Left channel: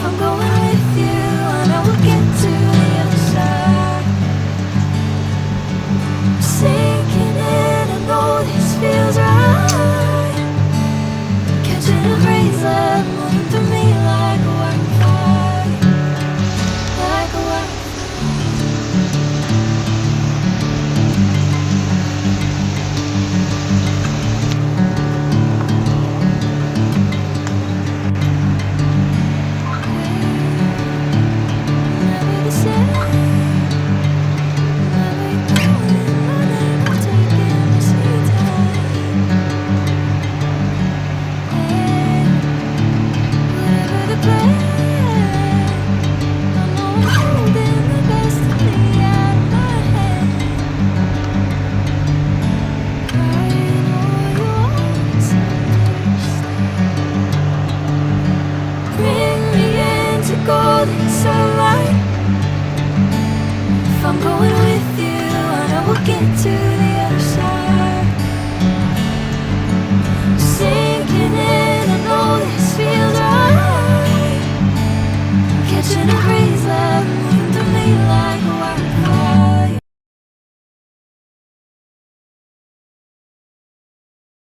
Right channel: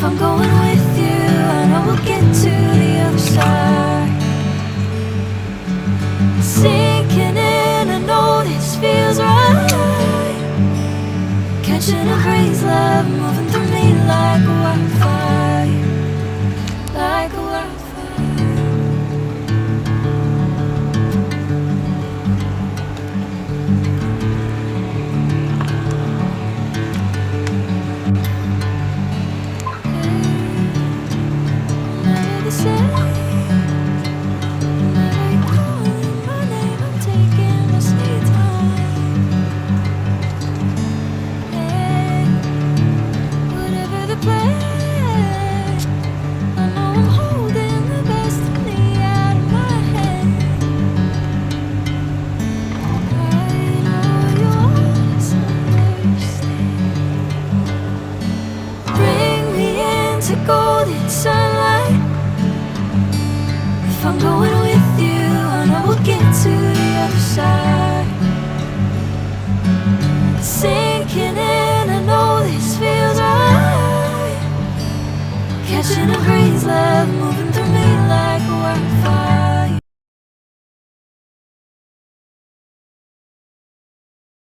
If I'm going with you, I know we'll get to the other side. Sinking in, I know this feels right. Catching a breeze, love moving through me like a wildfire, like a wildfire. Never the same. Never you calling my name, I'm taking my sweet time. Hey, whatever the plan, I know I'm holding the best of me out of my hand. I know you always understand. Bring me into golden sunlight. If I'm going with you, I know we'll get to the other side. Sinking in, I know this feels right. Catching a breeze, love moving through me like